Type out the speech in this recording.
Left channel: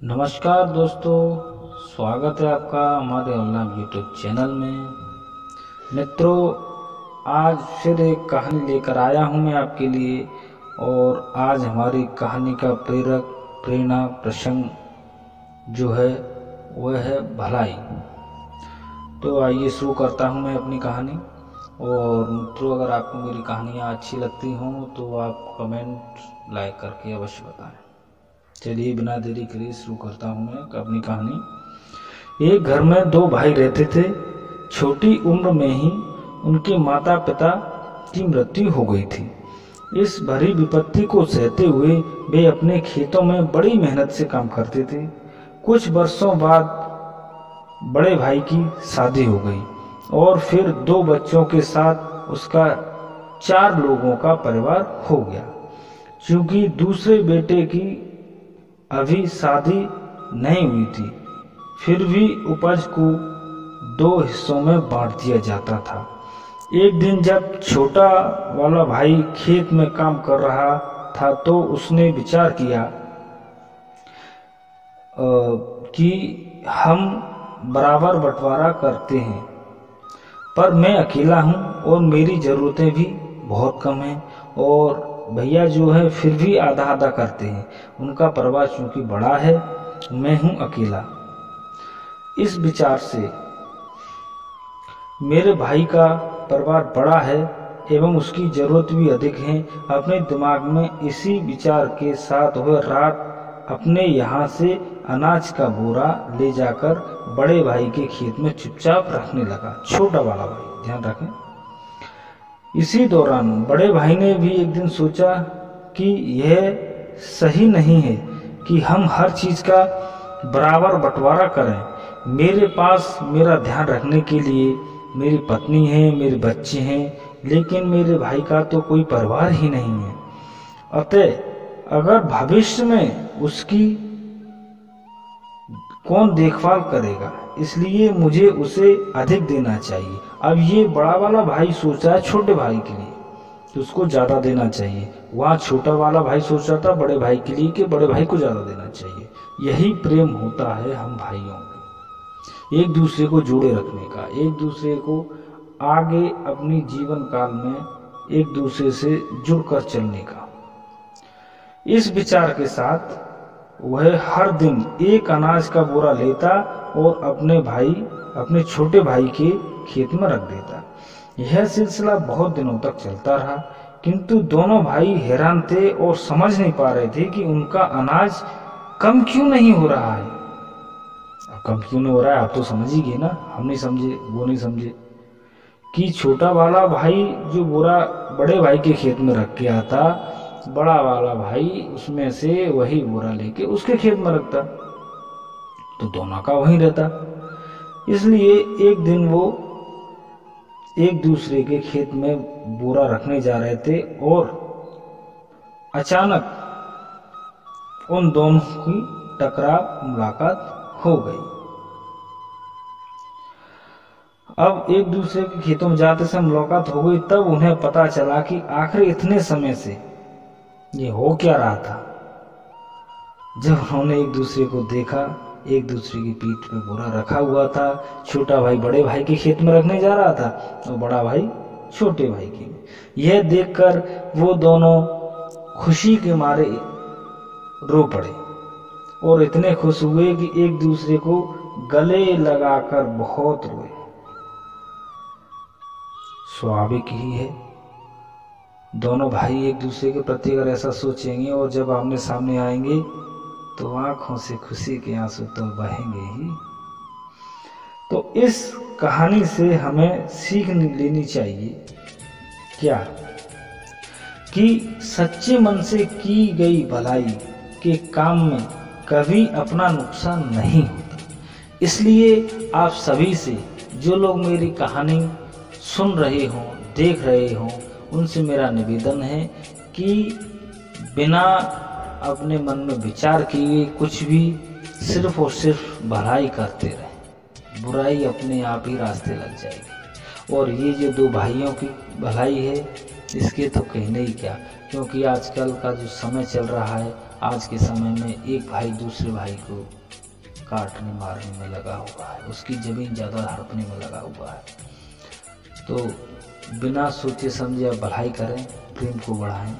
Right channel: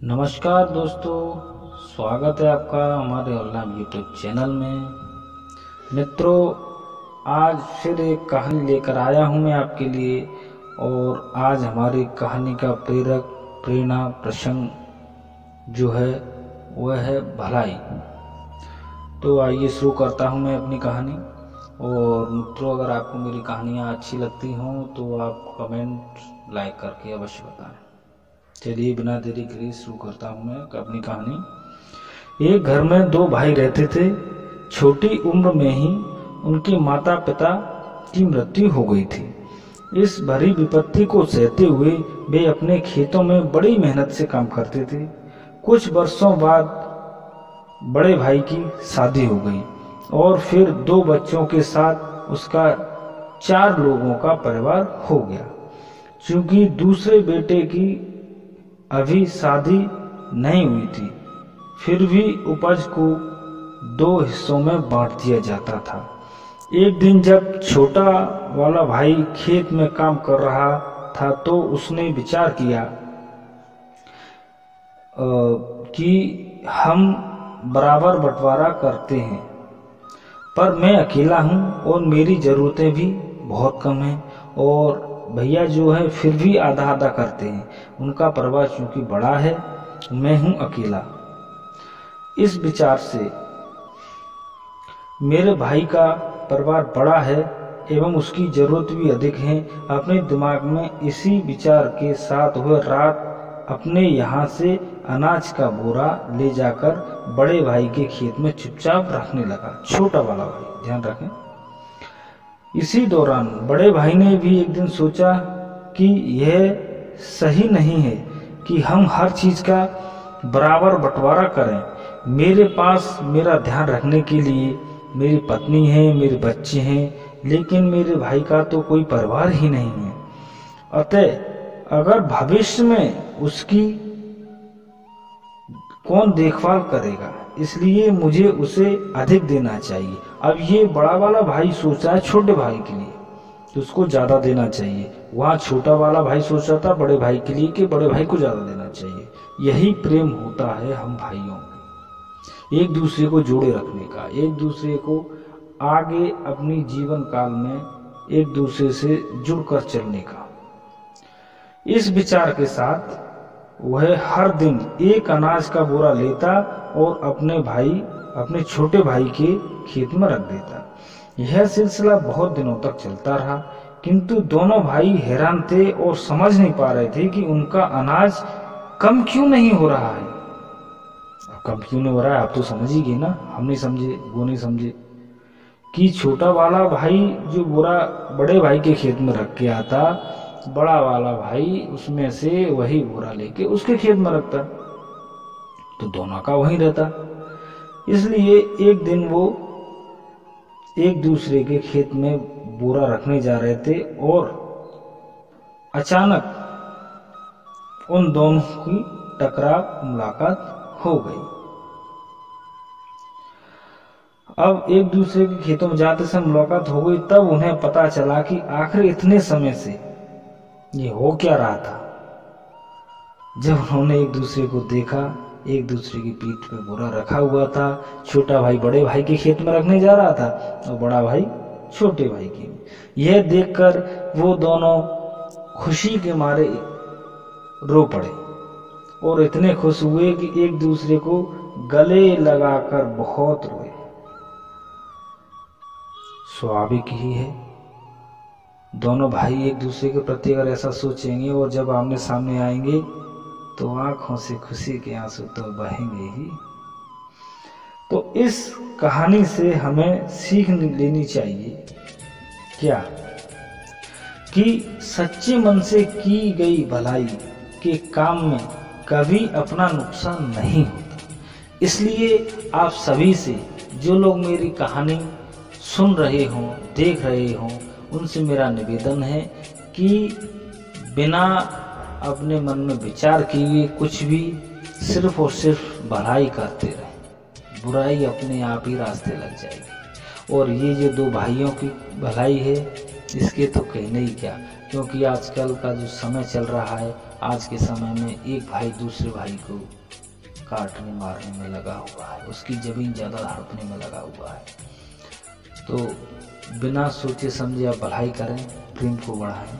नमस्कार दोस्तों, स्वागत है आपका हमारे ऑनलाइन यूट्यूब चैनल में। मित्रों, आज फिर एक कहानी लेकर आया हूं मैं आपके लिए। और आज हमारी कहानी का प्रेरणा प्रसंग जो है वह है भलाई। तो आइए शुरू करता हूं मैं अपनी कहानी। और मित्रों, अगर आपको मेरी कहानियाँ अच्छी लगती हों तो आप कमेंट लाइक करके अवश्य बताएं। चलिए बिना देरी करे शुरू करता हूँ मैं अपनी कहानी। एक घर में दो भाई रहते थे। छोटी उम्र में ही उनके माता पिता की मृत्यु हो गई थी। इस भरी विपत्ति को सहते हुए वे अपने खेतों में बड़ी मेहनत से काम करते थे। कुछ वर्षों बाद बड़े भाई की शादी हो गई और फिर दो बच्चों के साथ उसका 4 लोगों का परिवार हो गया। क्योंकि दूसरे बेटे की अभी शादी नहीं हुई थी, फिर भी उपज को 2 हिस्सों में बांट दिया जाता था। एक दिन जब छोटा वाला भाई खेत में काम कर रहा था तो उसने विचार किया कि हम बराबर बंटवारा करते हैं, पर मैं अकेला हूँ और मेरी ज़रूरतें भी बहुत कम हैं और भैया जो है फिर भी आधा आधा करते हैं। उनका परिवार चूंकि बड़ा है, मैं हूं अकेला। इस विचार से मेरे भाई का परिवार बड़ा है एवं उसकी जरूरत भी अधिक है। अपने दिमाग में इसी विचार के साथ वह रात अपने यहाँ से अनाज का बोरा ले जाकर बड़े भाई के खेत में चुपचाप रखने लगा। छोटा वाला भाई, ध्यान रखें। इसी दौरान बड़े भाई ने भी एक दिन सोचा कि यह सही नहीं है कि हम हर चीज का बराबर बंटवारा करें। मेरे पास मेरा ध्यान रखने के लिए मेरी पत्नी है, मेरे बच्चे हैं, लेकिन मेरे भाई का तो कोई परिवार ही नहीं है। अतः अगर भविष्य में उसकी कौन देखभाल करेगा, इसलिए मुझे उसे अधिक देना चाहिए। अब ये बड़ा वाला भाई सोच रहा है छोटे भाई के लिए कि उसको ज्यादा देना चाहिए। वहाँ छोटा वाला भाई सोच रहा था बड़े भाई के लिए कि बड़े भाई को ज्यादा देना चाहिए। यही प्रेम होता है हम भाइयों में, एक दूसरे को जोड़े रखने का, एक दूसरे को आगे अपनी जीवन काल में एक दूसरे से जुड़कर चलने का। इस विचार के साथ वह हर दिन एक अनाज का बोरा लेता और अपने छोटे भाई के खेत में रख देता। यह सिलसिला बहुत दिनों तक चलता रहा, किंतु दोनों भाई हैरान थे और समझ नहीं पा रहे थे कि उनका अनाज कम क्यों नहीं हो रहा है। अब कम क्यों नहीं हो रहा है, आप तो समझ ही गए ना। हम नहीं समझे, वो नहीं समझे कि छोटा वाला भाई जो बोरा बड़े भाई के खेत में रख के आता, बड़ा वाला भाई उसमें से वही बोरा लेके उसके खेत में रखता, तो दोनों का वहीं रहता। इसलिए एक दिन वो एक दूसरे के खेत में बोरा रखने जा रहे थे और अचानक उन दोनों की टकराव मुलाकात हो गई। अब एक दूसरे के खेतों में जाते समय मुलाकात हो गई, तब उन्हें पता चला कि आखिर इतने समय से ये हो क्या रहा था। जब उन्होंने एक दूसरे को देखा, एक दूसरे की पीठ पे बोरा रखा हुआ था। छोटा भाई बड़े भाई के खेत में रखने जा रहा था और बड़ा भाई छोटे भाई की। यह देखकर वो दोनों खुशी के मारे रो पड़े और इतने खुश हुए कि एक दूसरे को गले लगाकर बहुत रोए। स्वाभाविक ही है, दोनों भाई एक दूसरे के प्रति अगर ऐसा सोचेंगे और जब आमने सामने आएंगे तो आंखों से खुशी के आंसू तो बहेंगे ही। तो इस कहानी से हमें सीख लेनी चाहिए क्या, कि सच्चे मन से की गई भलाई के काम में कभी अपना नुकसान नहीं होता। इसलिए आप सभी से, जो लोग मेरी कहानी सुन रहे हों, देख रहे हों, उनसे मेरा निवेदन है कि बिना अपने मन में विचार किए कुछ भी सिर्फ और सिर्फ भलाई करते रहें, बुराई अपने आप ही रास्ते लग जाएगी। और ये जो 2 भाइयों की भलाई है, इसके तो कहने ही क्या, क्योंकि आजकल का जो समय चल रहा है आज के समय में एक भाई दूसरे भाई को काटने मारने में लगा हुआ है, उसकी ज़मीन ज़्यादा हड़पने में लगा हुआ है। तो बिना सोचे समझे आप भलाई करें, प्रेम को बढ़ाएं।